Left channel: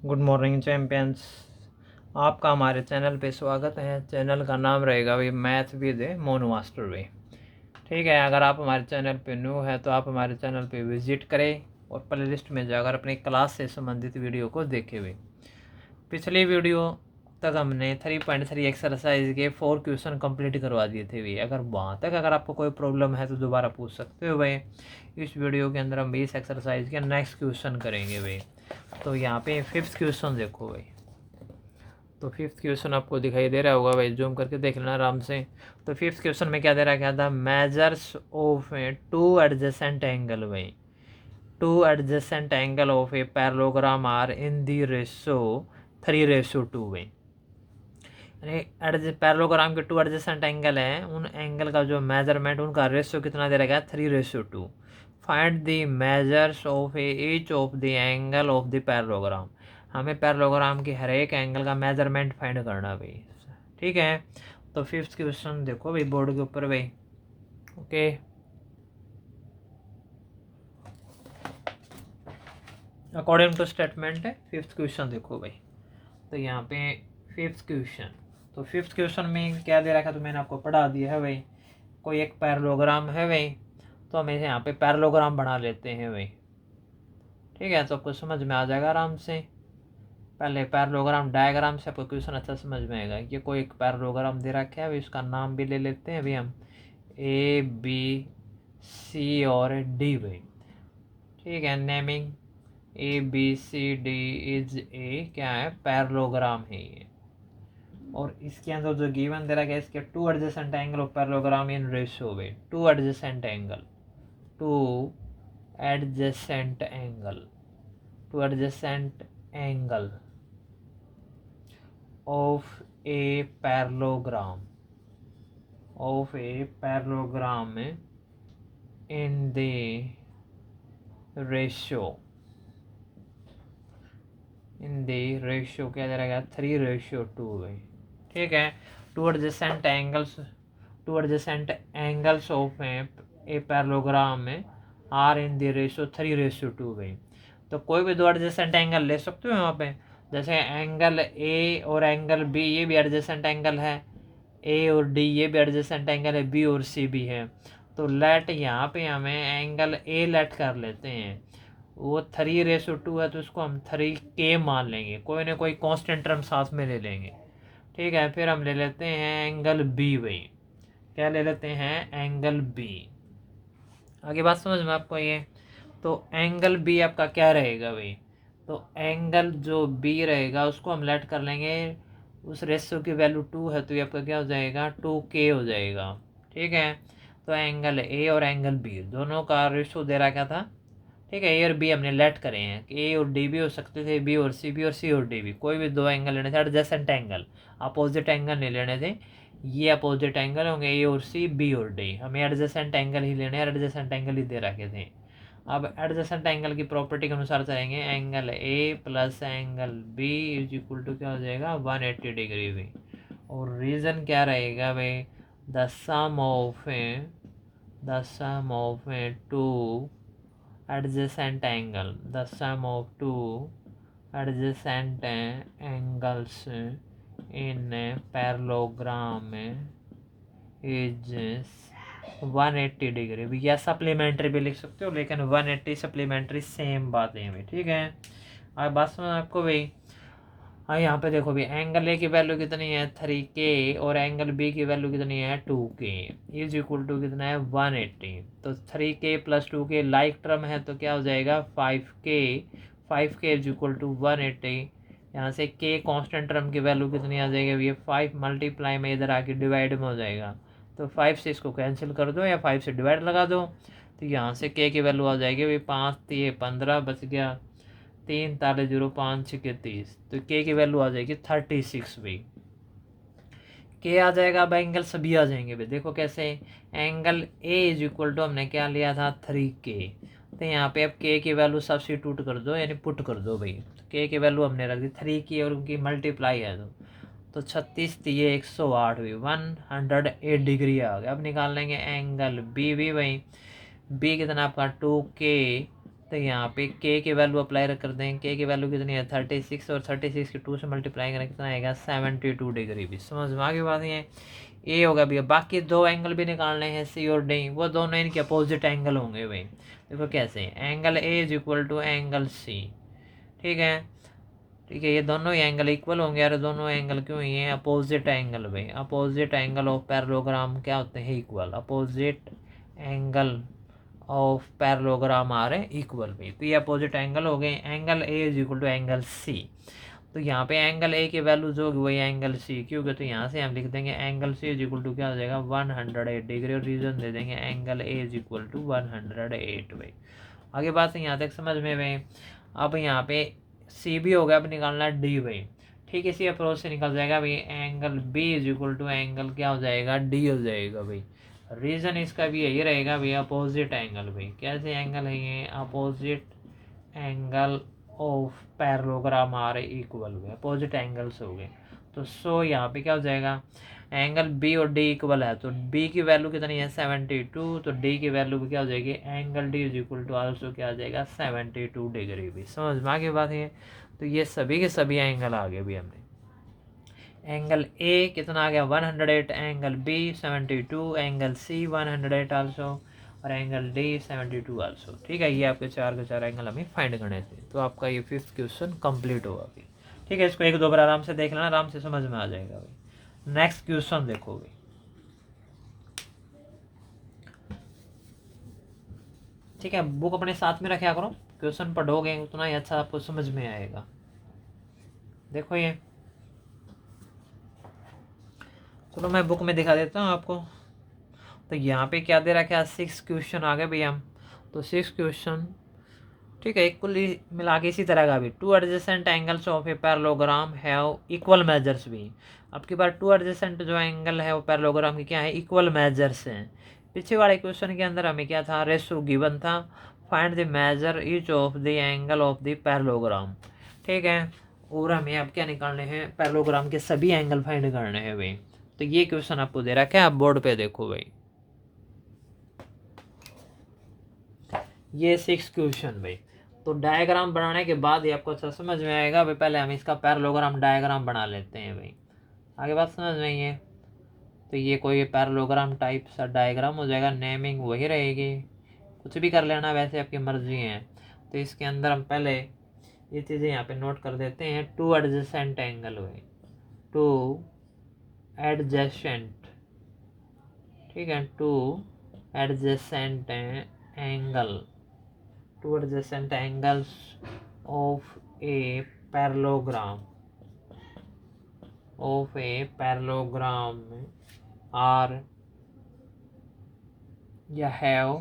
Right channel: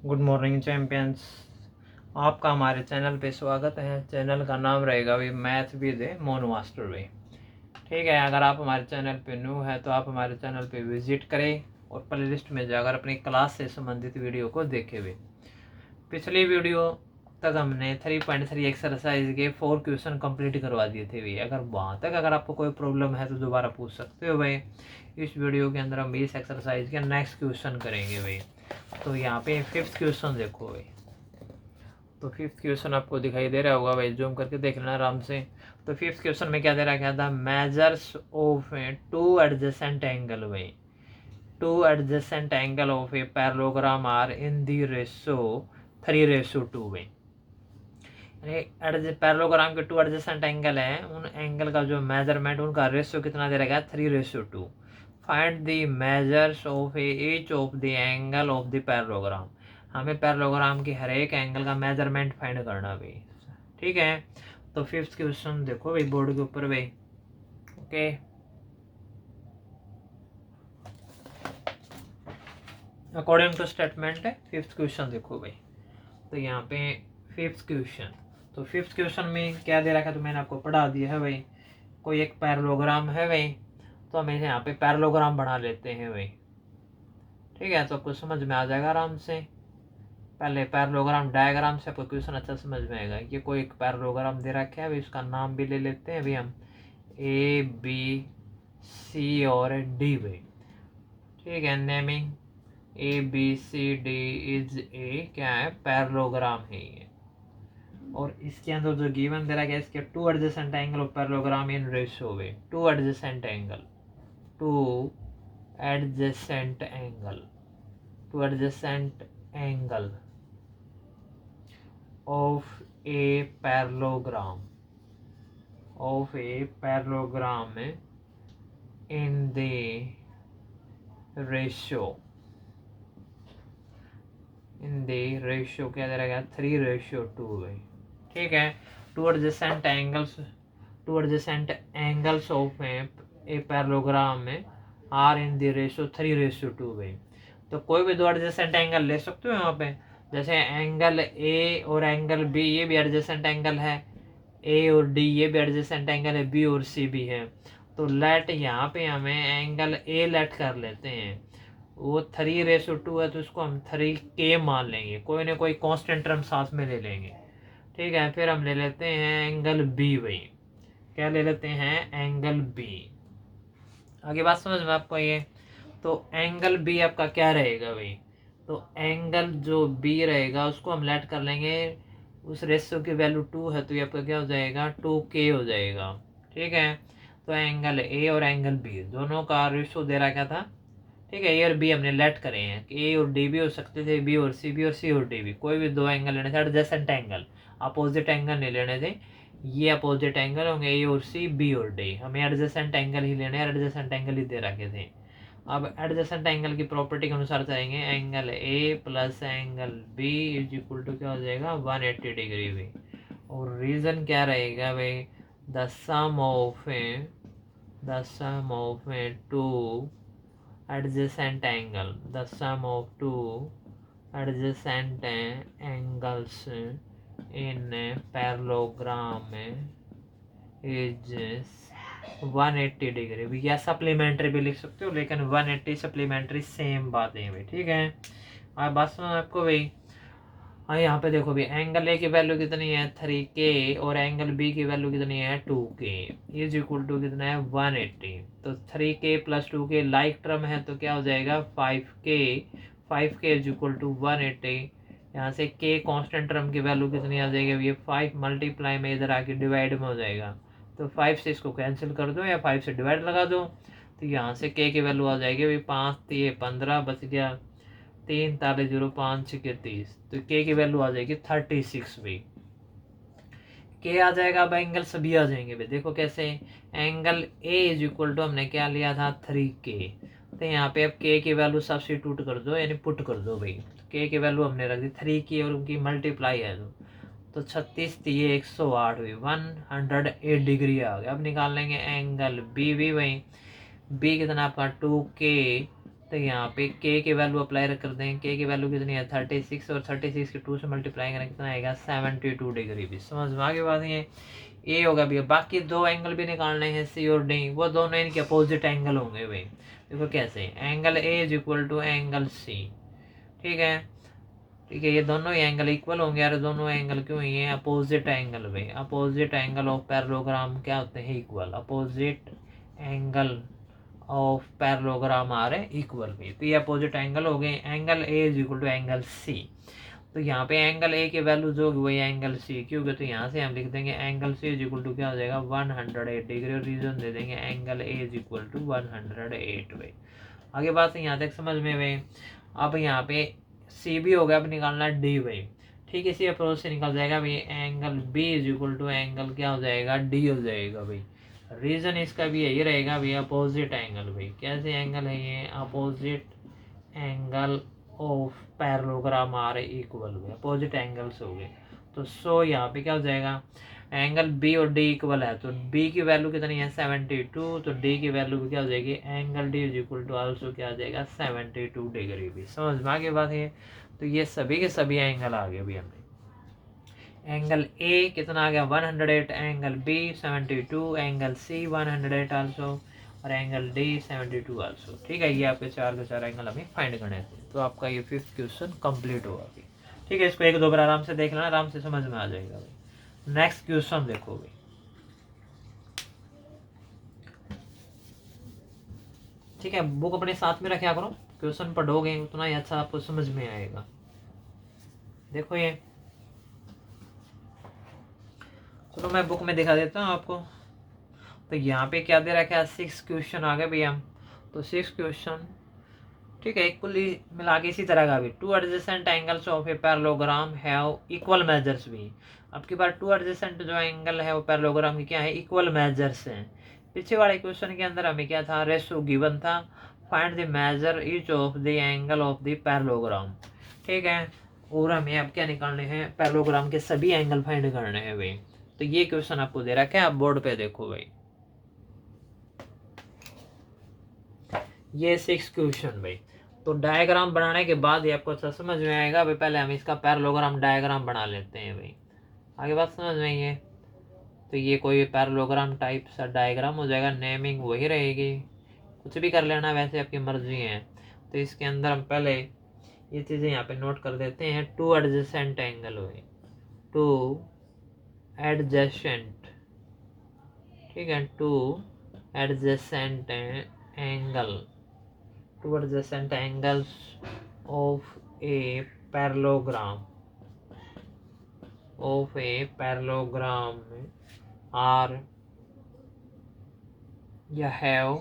Good morning champions. आपका हमारे channel पे स्वागत है। चैनल का नाम रहेगा भाई मैथ विद मोनू मास्टर भाई। ठीक है, अगर आप हमारे चैनल पे न्यू है तो आप हमारे चैनल पे विजिट करें और प्लेलिस्ट में जाकर अपनी क्लास से संबंधित वीडियो को देखे हुए। पिछली वीडियो तक हमने 3.3 एक्सरसाइज के 4 क्वेश्चन कंप्लीट करवा दिए थे भाई। अगर वहाँ तक अगर आपको कोई प्रॉब्लम है तो दोबारा पूछ सकते हो भाई। इस वीडियो के अंदर हम 20 एक्सरसाइज के नेक्स्ट क्वेश्चन करेंगे भाई। तो यहाँ पे 5th क्वेश्चन देखो भाई। तो 5th क्वेश्चन आपको दिखाई दे रहा होगा भाई, जूम करके देख लेना आराम से। तो 5th क्वेश्चन में क्या दे रहा है, क्या था, measures of two adjacent angle भाई। Two adjacent angle of a parallelogram are in the ratio 3:2 भाई। पैरेललोग्राम के 2 एडजेसेंट एंगल है, उन एंगल का जो मेजरमेंट उनका रेशियो कितना दे रखा है, 3:2। Find the measures of each of the angle of the parallelogram. हमें पैरेललोग्राम की हर एक एंगल का मेजरमेंट फाइंड करना भाई। ठीक है, तो 5th क्वेश्चन देखो भाई बोर्ड के ऊपर भाई। ओके, अकॉर्डिंग टू स्टेटमेंट है 5th क्वेश्चन देखो भाई। तो यहाँ पे 5th क्वेश्चन, तो 5th क्वेश्चन में क्या दे रखा है तो मैंने आपको पढ़ा दिया है भाई। कोई एक पैरेललोग्राम है भाई, तो हम इसे यहाँ पे पैरेललोग्राम बना लेते हैं भाई। ठीक है, तो आपको समझ में आ जाएगा आराम से। पहले पैरेललोग्राम डायग्राम से आपको क्वेश्चन अच्छा समझ में आएगा। ये कोई एक पैरेललोग्राम दे रखा है भाई, उसका नाम भी ले लेते हैं भाई हम, ए बी सी और डी भाई। ठीक है, naming A B C D is a क्या है, पैरेललोग्राम है ये। और इसके अंदर जो गिवन दे रखा है, इसके 2 adjacent angle of parallelogram in ratio way. 2 adjacent angle, 2 adjacent angle, 2 adjacent angle of a parallelogram, of a parallelogram in the ratio, in the ratio क्या दे रहा है, 3:2 भाई। ठीक है, 2 adjacent angles, 2 adjacent angles of a parallelogram are in the ratio 3:2 भाई। तो कोई भी 2 एडजेसेंट एंगल ले सकते हो यहाँ पे, जैसे एंगल ए और एंगल बी, ये भी एडजेसेंट एंगल है। ए और डी ये भी एडजेसेंट एंगल है, बी और सी भी है। तो लेट यहाँ पे हमें एंगल ए लेट कर लेते हैं, वो 3:2 है, तो उसको हम 3K मान लेंगे। कोई ना कोई कांस्टेंट टर्म साथ में ले लेंगे। ठीक है, फिर हम ले लेते हैं एंगल बी भाई। क्या ले लेते हैं, एंगल बी। आगे बात समझ में आपको ये। तो एंगल बी आपका क्या रहेगा भाई, तो एंगल जो बी रहेगा उसको हम लेट कर लेंगे, उस रेशियो की वैल्यू 2 है, तो ये आपका क्या हो जाएगा, 2K हो जाएगा। ठीक है, तो एंगल ए और एंगल बी दोनों का रेशियो दे रहा क्या था। ठीक है, ए और बी हमने लेट करे हैं कि ए और डी भी हो सकते थे, बी और सी भी, और सी और डी भी। कोई भी 2 एंगल लेने थे, एडजेसेंट एंगल, अपोजिट एंगल नहीं लेने थे। ये अपोजिट एंगल होंगे, ए और सी, बी और डी। हमें एडजेसेंट एंगल ही लेने हैं, एडजेसेंट एंगल ही दे रखे थे। अब एडजेसेंट एंगल की प्रॉपर्टी के अनुसार चलेंगे, angle A plus angle B is equal to क्या हो जाएगा, 180 डिग्री भाई। और रीजन क्या रहेगा भाई, the sum of two adjacent angle, the sum of two adjacent angles in a parallelogram is 180 degree भी, या सप्लीमेंट्री भी लिख सकते हो, लेकिन 180 सप्लीमेंट्री सेम बात है भाई। ठीक है, अब बात समझ आपको भाई। हाँ, यहाँ पे देखो भी, एंगल ए की वैल्यू कितनी है, 3K, और एंगल बी की वैल्यू कितनी है, 2K, इज इक्वल टू कितना है, 180। तो 3K plus 2K like term है, तो क्या हो जाएगा, 5K। 5K is equal to 180। यहाँ से K कांस्टेंट टर्म की वैल्यू कितनी आ जाएगी, ये 5 मल्टीप्लाई में इधर आके डिवाइड में हो जाएगा। तो 5 से इसको कैंसिल कर दो या 5 से डिवाइड लगा दो, तो यहाँ से K की वैल्यू आ जाएगी भाई 5 3 15, बच गया 3 ताले 0 5 6 30। तो K की वैल्यू आ जाएगी 36 भाई। K आ जाएगा, अब एंगल सभी आ जाएंगे भाई। देखो कैसे, angle A is equal to हमने क्या लिया था, 3K। तो यहाँ पे अब K की वैल्यू सब्स्टिट्यूट कर दो, यानी पुट कर दो भाई। K की वैल्यू हमने रख दी 3K और उनकी मल्टीप्लाई है, तो 36 दिए 108 भी, 108 डिग्री आ गया। अब निकाल लेंगे एंगल बी भी भाई। बी कितना आपका 2K तो यहाँ पे के की वैल्यू अप्लाई कर दें। के की वैल्यू कितनी है 36 और 36 के 2 से मल्टीप्लाई करें कितना आएगा 72 डिग्री भी। समझ में आ गई बात है। ये होगा भैया। बाकी दो एंगल भी निकालने हैं सी और डी, वो दोनों इनके अपोजिट एंगल होंगे भाई। देखो कैसे, angle A is equal to angle C, ठीक है। ठीक है, ये दोनों ही एंगल इक्वल होंगे यार। दोनों एंगल क्यों ही है, अपोजिट एंगल भाई। अपोजिट एंगल ऑफ पैरेललोग्राम क्या होते हैं, equal. Opposite angle of parallelogram आ रहे इक्वल भी। तो ये अपोजिट एंगल हो गए। Angle A is equal to angle C. तो यहाँ पे एंगल ए की वैल्यू जो होगी वही एंगल सी की होगी। तो यहाँ से हम लिख देंगे angle C is equal to क्या हो जाएगा 108 डिग्री, और रीजन दे देंगे angle A is equal to 108 भाई। आगे बात यहाँ तक समझ में भाई। अब यहाँ पे सी भी हो गया, अब निकालना डी भाई। ठीक है, इसी अप्रोच से निकल जाएगा भाई। Angle B is equal to angle क्या हो जाएगा डी हो जाएगा भाई। रीजन इसका भी यही रहेगा भाई, अपोजिट एंगल भाई। कैसे एंगल है ये, opposite angle of parallelogram are equal हुए, अपोजिट एंगल्स हो गए। तो सो यहाँ पे क्या हो जाएगा, एंगल बी और डी इक्वल है, तो बी की वैल्यू कितनी है 72, तो डी की वैल्यू भी क्या हो जाएगी, angle D is equal to also क्या आ जाएगा 72 डिग्री भी। समझ में आ गई बात है। तो ये सभी के सभी एंगल आ गए भी हमें। एंगल ए कितना आ गया 108, angle B 72, angle C 108 also, और एंगल डी 72 आल्सो। ठीक है, ये आपके चार के चार एंगल हमें फाइंड करने थे। तो आपका ये 5th क्वेश्चन कंप्लीट होगा अभी। ठीक है, इसको एक दो बार आराम से देख लेना, आराम से समझ में आ जाएगा भाई। नेक्स्ट क्वेश्चन देखो भाई। ठीक है, बुक अपने साथ में रखा करो, क्वेश्चन पढ़ोगे उतना ही अच्छा आपको समझ में आएगा। देखो ये, चलो मैं बुक में दिखा देता हूँ आपको। तो यहाँ पे क्या दे रखा है 6 क्वेश्चन आ गए भैया। तो 6 क्वेश्चन, ठीक है, इक्वली मिला के इसी तरह का भी। 2 adjacent angles of a parallelogram have equal measures भी। अब की बार 2 एडजेसेंट जो एंगल है वो पैरेललोग्राम की क्या है, इक्वल मेजर्स हैं। पीछे वाले क्वेश्चन के अंदर हमें क्या था, रेशो गिवन था, find the measure each of the angle of the parallelogram. ठीक है, और हमें अब क्या निकालने हैं, पैरेललोग्राम के सभी एंगल फाइंड करने हैं भाई। तो ये क्वेश्चन आपको दे रखा है, आप बोर्ड पे देखो भाई। ये 6 क्वेश्चन भाई। तो डायग्राम बनाने के बाद ही आपको अच्छा समझ में आएगा भाई। पहले हम इसका पैरेललोग्राम डायग्राम बना लेते हैं भाई, आगे बात समझ में आई है। तो ये कोई पैरेललोग्राम टाइप सा डायग्राम हो जाएगा, नेमिंग वही रहेगी, कुछ भी कर लेना वैसे आपकी मर्जी है। तो इसके अंदर हम पहले ये चीज़ें यहाँ पे नोट कर देते हैं। 2 एडजेसेंट एंगल हुए, 2 एडजेसेंट, ठीक है, 2 adjacent angle, 2 adjacent angles of a parallelogram are या have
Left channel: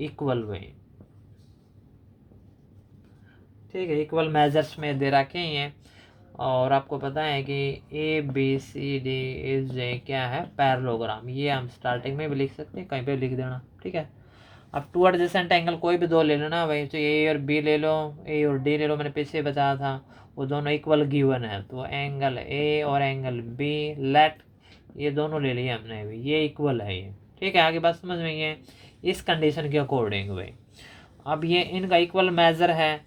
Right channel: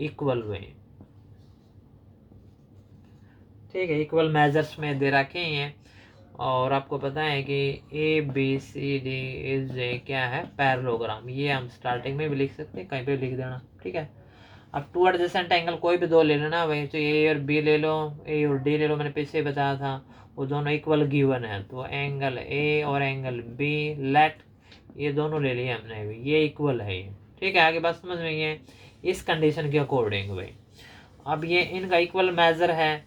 equal way। ठीक है, इक्वल मेजर्स में दे रखे हैं। और आपको पता है कि A B C D is a क्या है, पैरेललोग्राम। ये हम स्टार्टिंग में भी लिख सकते हैं, कहीं पे लिख देना। ठीक है, अब 2 एडजेसेंट एंगल कोई भी दो ले लेना भाई। तो ए और बी ले लो, ए और डी ले लो, मैंने पीछे बताया था, वो दोनों इक्वल गिवन है। तो एंगल ए और एंगल बी, लेट, ये दोनों ले लिए हमने भी, ये इक्वल है ये। ठीक है, आगे बात समझ में है इस कंडीशन के अकॉर्डिंग भाई। अब ये इनका इक्वल मेजर है,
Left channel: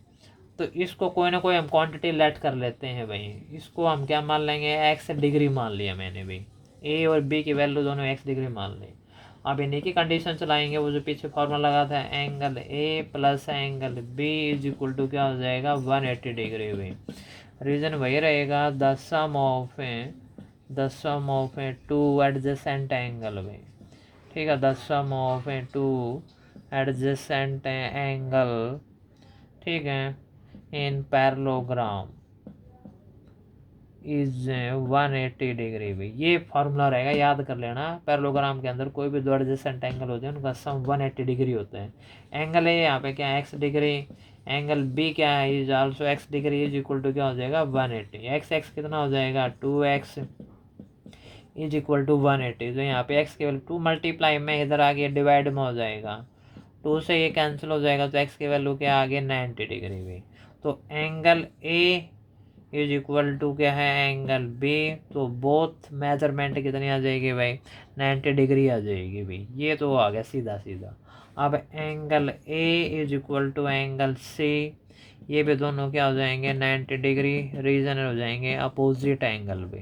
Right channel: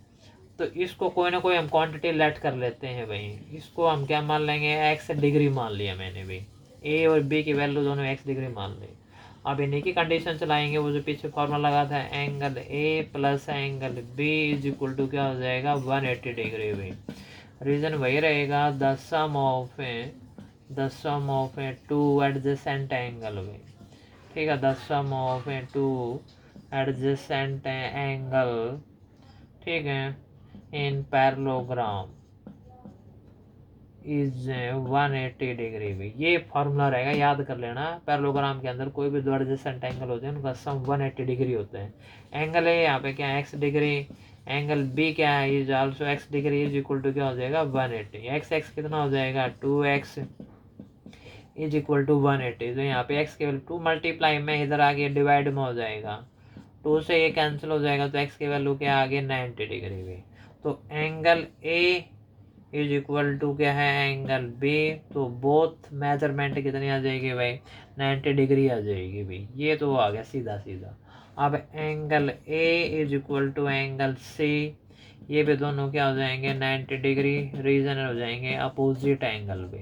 तो इसको कोई ना कोई हम क्वांटिटी लेट कर लेते हैं भाई। इसको हम क्या मान लेंगे, एक्स डिग्री मान लिया मैंने भाई। ए और बी की वैल्यू दोनों एक्स डिग्री मान ली। अब इन्हीं की कंडीशन चलाएंगे, वो जो पीछे फॉर्मूला लगा था, angle A plus angle B is equal to क्या हो जाएगा 180 डिग्री भाई। रीजन वही रहेगा, the sum of a 2 adjacent angle भाई। ठीक है, the sum of a 2 adjacent angle, ठीक है, इन पैरेललोग्राम इज 180 डिग्री भी। ये फॉर्मूला रहेगा, याद कर लेना। पैरेललोग्राम के अंदर कोई भी दो एडजेसेंट एंगल होते हैं उनका सम 180 डिग्री होता है। एंगल है यहाँ पे क्या है एक्स डिग्री, एंगल बी क्या है is also x degree, is equal to क्या हो जाएगा 180। एक्स एक्स कितना हो जाएगा 2x इज इक्वल टू 180। तो यहाँ पे एक्स केवल 2 मल्टीप्लाई में इधर आगे डिवाइड में हो जाएगा, 2 से ये कैंसिल हो जाएगा, तो एक्स की वैल्यू क्या आगे 90 डिग्री भी। तो angle A is equal to क्या है एंगल बी। तो बोथ मेजरमेंट कितनी आ जाएगी भाई 90 डिग्री आ जाएगी भाई। ये तो आ गया सीधा सीधा। अब angle A is equal to angle C, ये भी दोनों क्या हो जाएंगे 90 डिग्री, रीजन हो जाएंगे अपोजिट एंगल भी।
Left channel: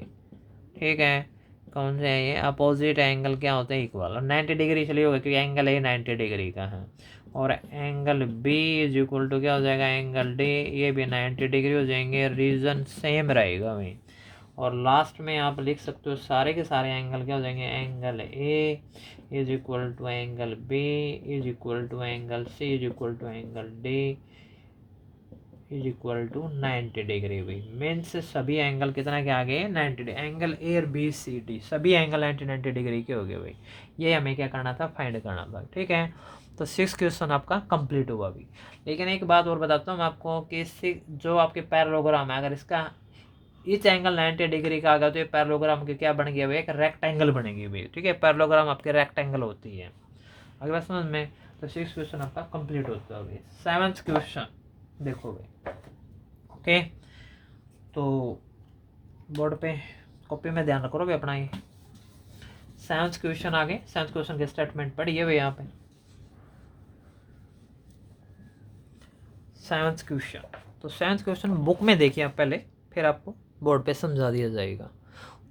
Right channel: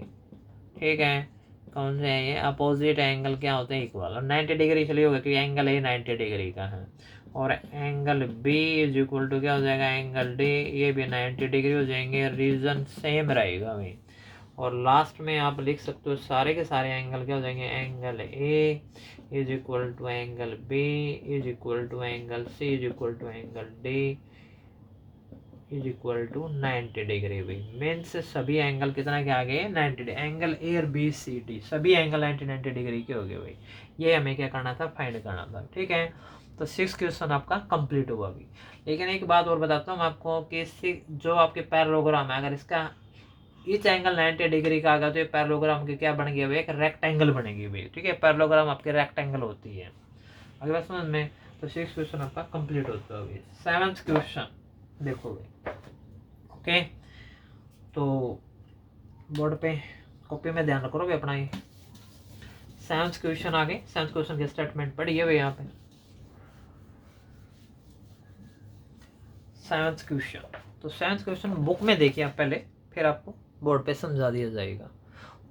ठीक है, कौन से हैं ये अपोजिट एंगल, क्या होते हैं इक्वल, और 90 डिग्री इसलिए होगा क्योंकि एंगल ए 90 डिग्री का है। और angle B is equal to क्या हो जाएगा एंगल डी, ये भी 90 डिग्री हो जाएंगे, रीजन सेम रहेगा वही। और लास्ट में आप लिख सकते हो सारे के सारे एंगल क्या हो जाएंगे, angle A is equal to angle B is equal to angle C is equal to angle D is equal to 90 degree भी। मीन्स सभी एंगल कितना के आ गए 90 डिग्री, एंगल ए और बी सी डी सभी एंगल 90 डिग्री के हो गए भाई। ये हमें क्या करना था, फाइंड करना था। ठीक है, तो 6 क्वेश्चन आपका कंप्लीट हुआ अभी। लेकिन एक बात और बताता हूँ मैं आपको कि जो आपके पैरेललोग्राम है, अगर इसका इच एंगल 90 डिग्री का आ गया तो ये पैरेललोग्राम के क्या बन गया भाई, एक रेक्टेंगल बनेगी भाई। ठीक है, पैरेललोग्राम आपके रेक्टेंगल होती है। अगर बात समझ में, तो 6 क्वेश्चन आपका कंप्लीट होता है। 7th क्वेश्चन देखो भाई। ओके, तो बोर्ड पे कॉपी में ध्यान रखोगे अपना ये 7th क्वेश्चन आगे। 7th क्वेश्चन के स्टेटमेंट पढ़िए भाई यहाँ पे। 7th क्वेश्चन, तो 7th क्वेश्चन बुक में देखिए आप पहले, फिर आपको बोर्ड पे समझा दिया जाएगा।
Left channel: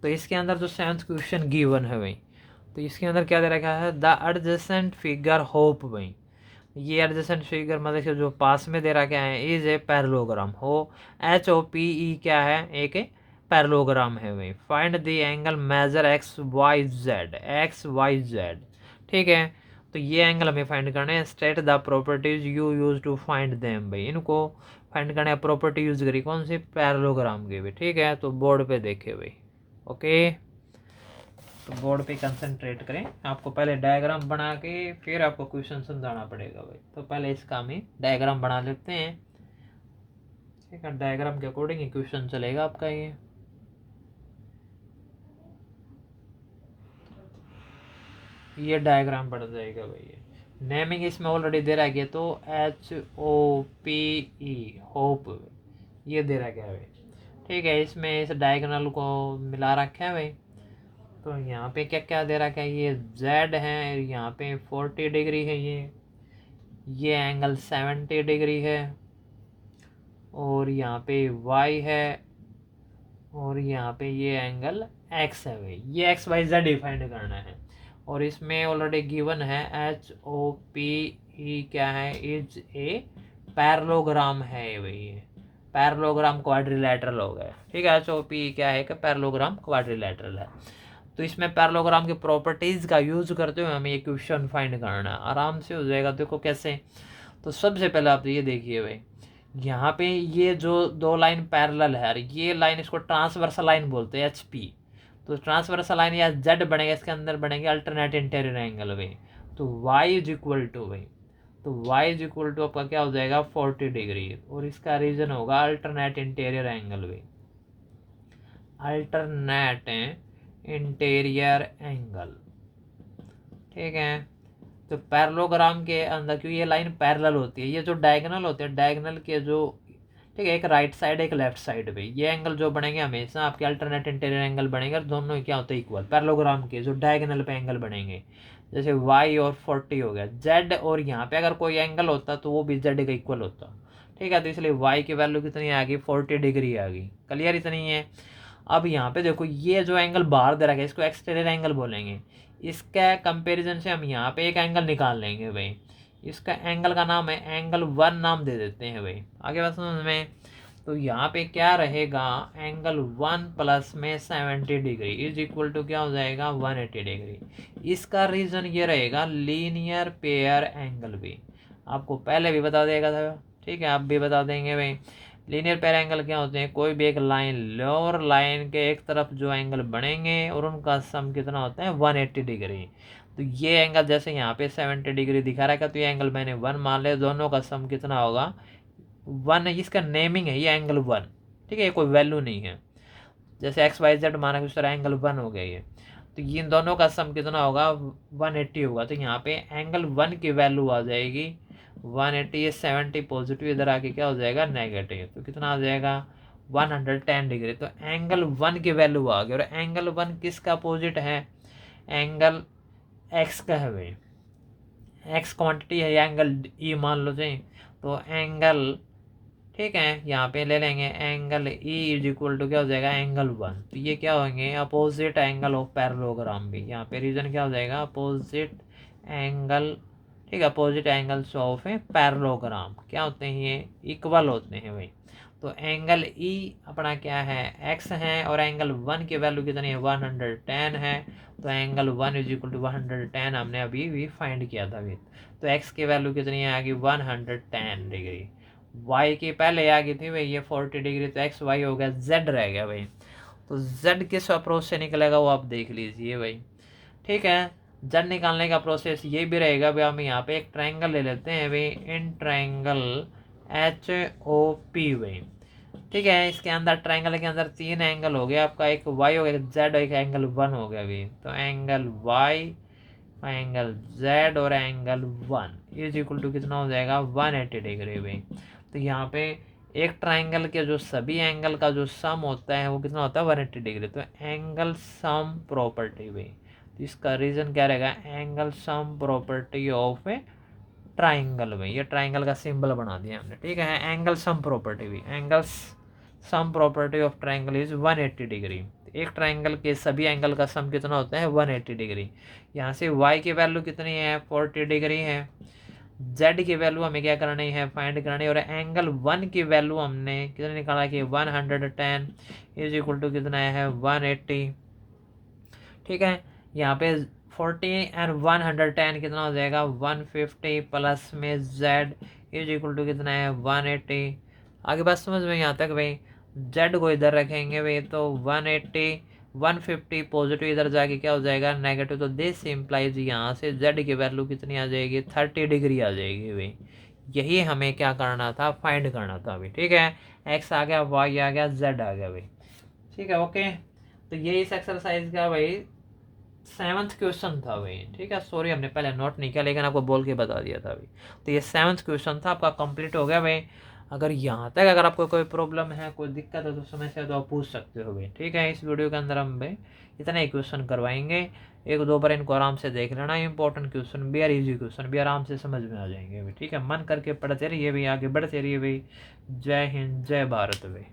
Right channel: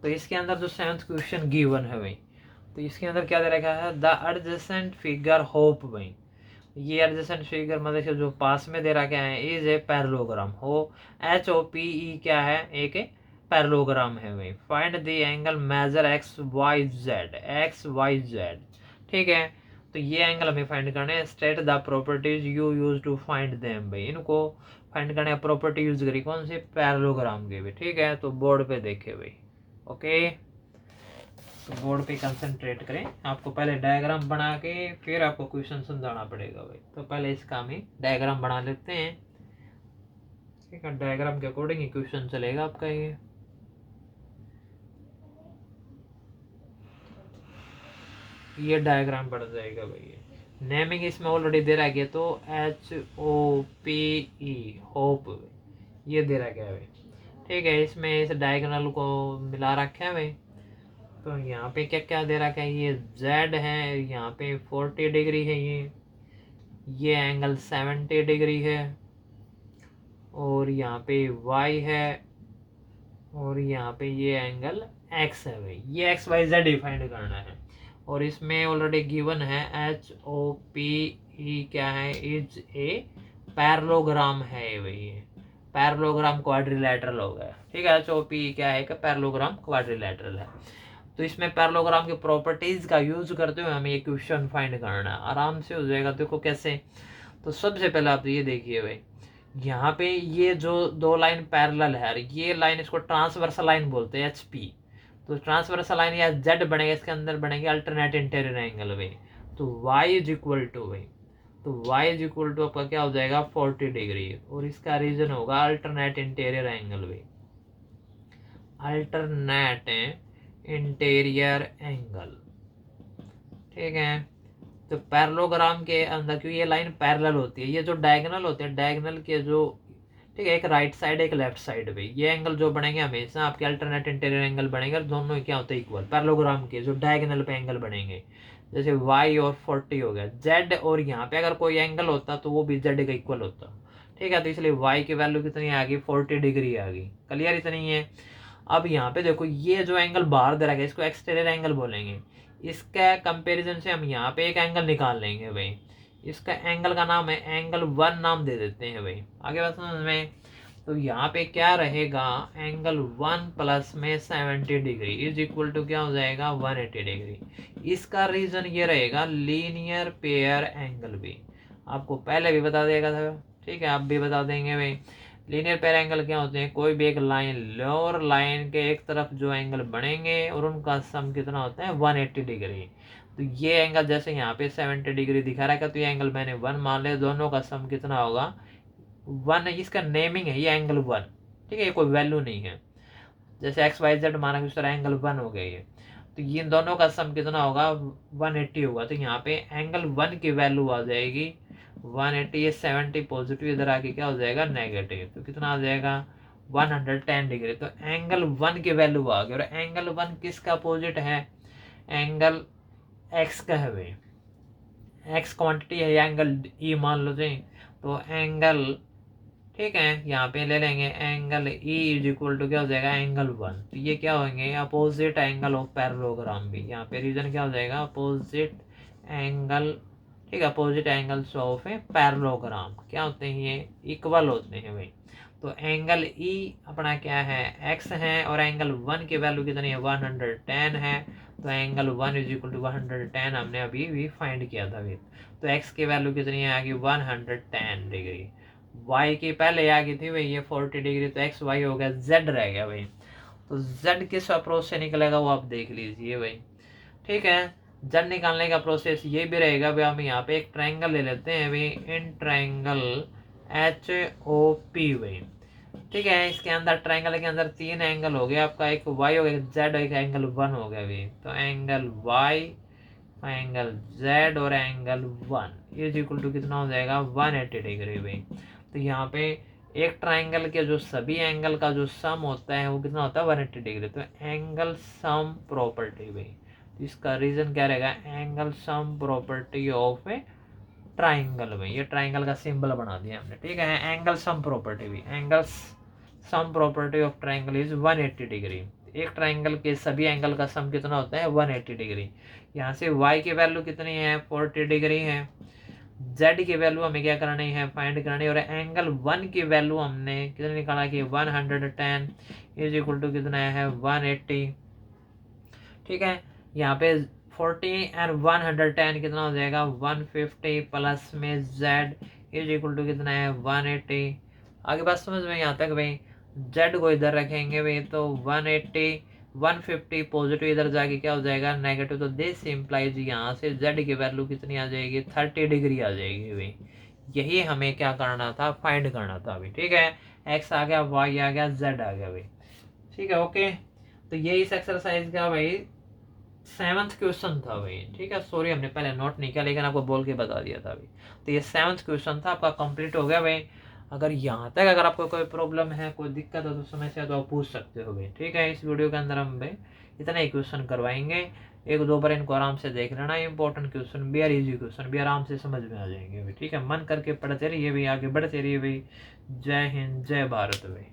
तो इसके अंदर जो 7th क्वेश्चन गिवन है भाई, तो इसके अंदर क्या दे रखा है, द एडजेसेंट फिगर होप भाई। ये एडजेसेंट फिगर मतलब जो पास में दे रखा है इज ए पैरेललोग्राम हो, एच ओ पी ई क्या है, एक पैरेललोग्राम है भाई। Find the angle measure X Y Z, X Y Z. ठीक है, तो ये एंगल हमें फाइंड करने हैं। State the properties you use to find them भाई, इनको फाइंड करने प्रॉपर्टी यूज करी कौन सी, पैरेललोग्राम की भी। ठीक है, तो बोर्ड पे देखे भाई। ओके, तो बोर्ड पे कंसंट्रेट करें। आपको पहले डायग्राम बना के फिर आपको क्वेश्चन समझाना पड़ेगा भाई। तो पहले इसका हम डायग्राम बना लेते हैं। ठीक है, डायग्राम के अकॉर्डिंग ही क्वेश्चन चलेगा आपका। ये डायग्राम बन जाएगा भाई। नेमिंग इसमें ऑलरेडी दे रहा गया, तो HOPE होप ये दे रहा गया भाई। ठीक है, इसमें इस डायगोनल को मिला रखा है भाई। तो यहाँ पे क्या क्या दे रखा है, ये Z है, यहाँ पे 40 डिग्री है, ये एंगल 70 डिग्री है, और यहाँ पे Y है, और यहाँ पे ये एंगल X है भाई। ये XYZ डिफाइंड करना है। और इसमें ऑलरेडी गिवन है HOPE क्या है, इज ए पैरेललोग्राम है भाई। पैरेललोग्राम क्वाड्रिलेटरल हो गया। ठीक है, HOPE क्या है, पैरेललोग्राम क्वाड्रिलेटरल है। तो इसमें पैरेललोग्राम की प्रॉपर्टीज का यूज करते हुए हमें ये क्वेश्चन फाइंड करना है, आराम से हो जाएगा। देखो कैसे, तो सबसे पहले आप ये देखिए भाई, यहाँ पे ये जो दो लाइन पैरेलल है, ये लाइन इसको ट्रांसवर्सल लाइन बोलते हैं HP। तो ट्रांसवर्सल लाइन या Z बनेगा, इसके अंदर बनेंगे अल्टरनेट इंटीरियर एंगल भाई। तो Y इज इक्वल टू भाई, तो Y इज इक्वल टू आपका क्या हो जाएगा 40 डिग्री, और इसका रीजन होगा अल्टरनेट इंटीरियर एंगल भाई, अल्टरनेट इंटीरियर एंगल। ठीक है, तो पैरेललोग्राम के अंदर क्योंकि ये लाइन पैरेलल होती है, ये जो डायगोनल होते हैं, डायगोनल के जो, ठीक है, एक राइट साइड एक लेफ्ट साइड पे, ये एंगल जो बनेंगे हमेशा आपके अल्टरनेट इंटीरियर एंगल बनेंगे, और दोनों क्या होते हैं इक्वल। पैरेललोग्राम के जो डायगोनल पे एंगल बनेंगे, जैसे Y और 40 हो गया, Z और यहाँ पे अगर कोई एंगल होता तो वो भी Z का इक्वल होता। ठीक है, तो इसलिए Y की वैल्यू कितनी आ गई 40 डिग्री आ गई। क्लियर इतनी है। अब यहाँ पे देखो, ये जो एंगल बाहर दे रखा है इसको एक्सटीरियर एंगल बोलेंगे। इसका कंपैरिजन से हम यहाँ पे एक एंगल निकाल लेंगे भाई। इसका एंगल का नाम है एंगल 1 नाम दे देते हैं भाई। आगे बात समझ में, तो यहाँ पे क्या रहेगा, एंगल 1 प्लस में 70 डिग्री इज इक्वल टू क्या हो जाएगा 180 डिग्री। इसका रीजन ये रहेगा लीनियर पेयर एंगल भी, आपको पहले भी बता देगा था। ठीक है, आप भी बता देंगे भाई। लीनियर पेयर एंगल क्या होते हैं, कोई भी एक लाइन लो और लाइन के एक तरफ जो एंगल बनेंगे और उनका सम कितना होता है 180 डिग्री। तो ये एंगल जैसे यहाँ पे 70 डिग्री दिखा रहा है, तो ये एंगल मैंने 1 मान लिया, दोनों का सम कितना होगा 1। इसका नेमिंग है ये एंगल 1। ठीक है, ये कोई वैल्यू नहीं है, जैसे XYZ माना कि उस तरह एंगल 1 हो गया ये। तो ये दोनों का सम कितना होगा 180 होगा। तो यहाँ पे एंगल 1 की वैल्यू आ जाएगी 180, ये 70 पॉजिटिव इधर आके क्या हो जाएगा नेगेटिव, तो कितना आ जाएगा 110 डिग्री। तो एंगल 1 की वैल्यू आ गई। और एंगल 1 किसका अपोजिट है, एंगल X का है भाई। एक्स क्वांटिटी है, एंगल ई मान लो जी, तो एंगल, ठीक है, यहाँ पे ले लेंगे angle E is equal to क्या हो जाएगा एंगल 1। तो ये क्या होंगे अपोजिट एंगल ऑफ पैरेललोग्राम भी, यहाँ पे रीजन क्या हो जाएगा अपोजिट एंगल, ठीक है, opposite angles of a parallelogram क्या होते हैं ये इक्वल होते हैं भाई। तो एंगल ई अपना क्या है एक्स है और एंगल 1 की वैल्यू कितनी है 110 है। तो एंगल 1 इज इक्वल टू 110 हमने अभी भी फाइंड किया था अभी। तो एक्स की वैल्यू कितनी है आगे 110 डिग्री, वाई की पहले आ गई थी भाई ये 40 डिग्री, तो एक्स वाई हो गया, जेड रह गया भाई। तो जेड किस अप्रोच से निकलेगा वो आप देख लीजिए भाई, ठीक है। जेड निकालने का प्रोसेस ये भी रहेगा भाई, हम यहाँ पे एक ट्रायंगल ले लेते हैं भाई, in triangle H O P भाई, ठीक है। इसके अंदर ट्रायंगल के अंदर 3 एंगल हो गया आपका, एक वाई हो गया जेड, एक एंगल 1 हो गया भाई। तो एंगल वाई, एंगल जेड और एंगल 1 इज इक्वल टू कितना हो जाएगा 180 डिग्री भाई। तो यहाँ पे एक ट्राइंगल के जो सभी एंगल का जो सम होता है वो कितना होता है 180 डिग्री। तो एंगल सम प्रॉपर्टी भाई, तो इसका रीजन क्या रहेगा angle sum property of A triangle भाई, ये ट्राइंगल का सिंबल बना दिया हमने, ठीक है। एंगल सम प्रॉपर्टी भी, angle sum property of triangle is 180 degree. एक ट्राइंगल के सभी एंगल का सम कितना होता है 180 डिग्री। यहाँ से y की वैल्यू कितनी है 40 डिग्री है, z की वैल्यू हमें क्या करनी है फाइंड करनी है, और एंगल 1 की वैल्यू हमने कितनी निकाला कि 110 इज इक्वल टू कितना है 180, ठीक है। यहाँ पे 40 एंड 110 कितना हो जाएगा 150 प्लस में z इज इक्वल टू कितना है 180। आगे बात समझ में यहाँ तक भाई, z को इधर रखेंगे भाई तो 180 150 पॉजिटिव इधर जाके क्या हो जाएगा नेगेटिव। तो दिस इम्प्लाइज यहाँ से z की वैल्यू कितनी आ जाएगी 30 डिग्री आ जाएगी भाई। यही हमें क्या करना था फाइंड करना था अभी, ठीक है। x आ गया y आ गया z आ गया भाई, ठीक है ओके। तो ये इस एक्सरसाइज का भाई 7th क्वेश्चन था भाई, ठीक है। सॉरी हमने पहले नोट नहीं किया लेकिन आपको बोल के बता दिया था अभी। तो ये 7th क्वेश्चन था आपका कंप्लीट हो गया भाई। अगर यहाँ तक अगर आपको कोई प्रॉब्लम है कोई दिक्कत है तो समस्या तो आप पूछ सकते हो भाई, ठीक है। इस वीडियो के अंदर हम भाई इतना ही क्वेश्चन करवाएंगे, 1-2 बार इनको आराम से देख लेना। इंपॉर्टेंट क्वेश्चन भी और इजी क्वेश्चन भी आराम से समझ में आ जाएंगे भाई, ठीक है। मन करके पढ़ते रहिए भाई, आगे बढ़ते रहिए भाई। जय हिंद जय भारत भाई।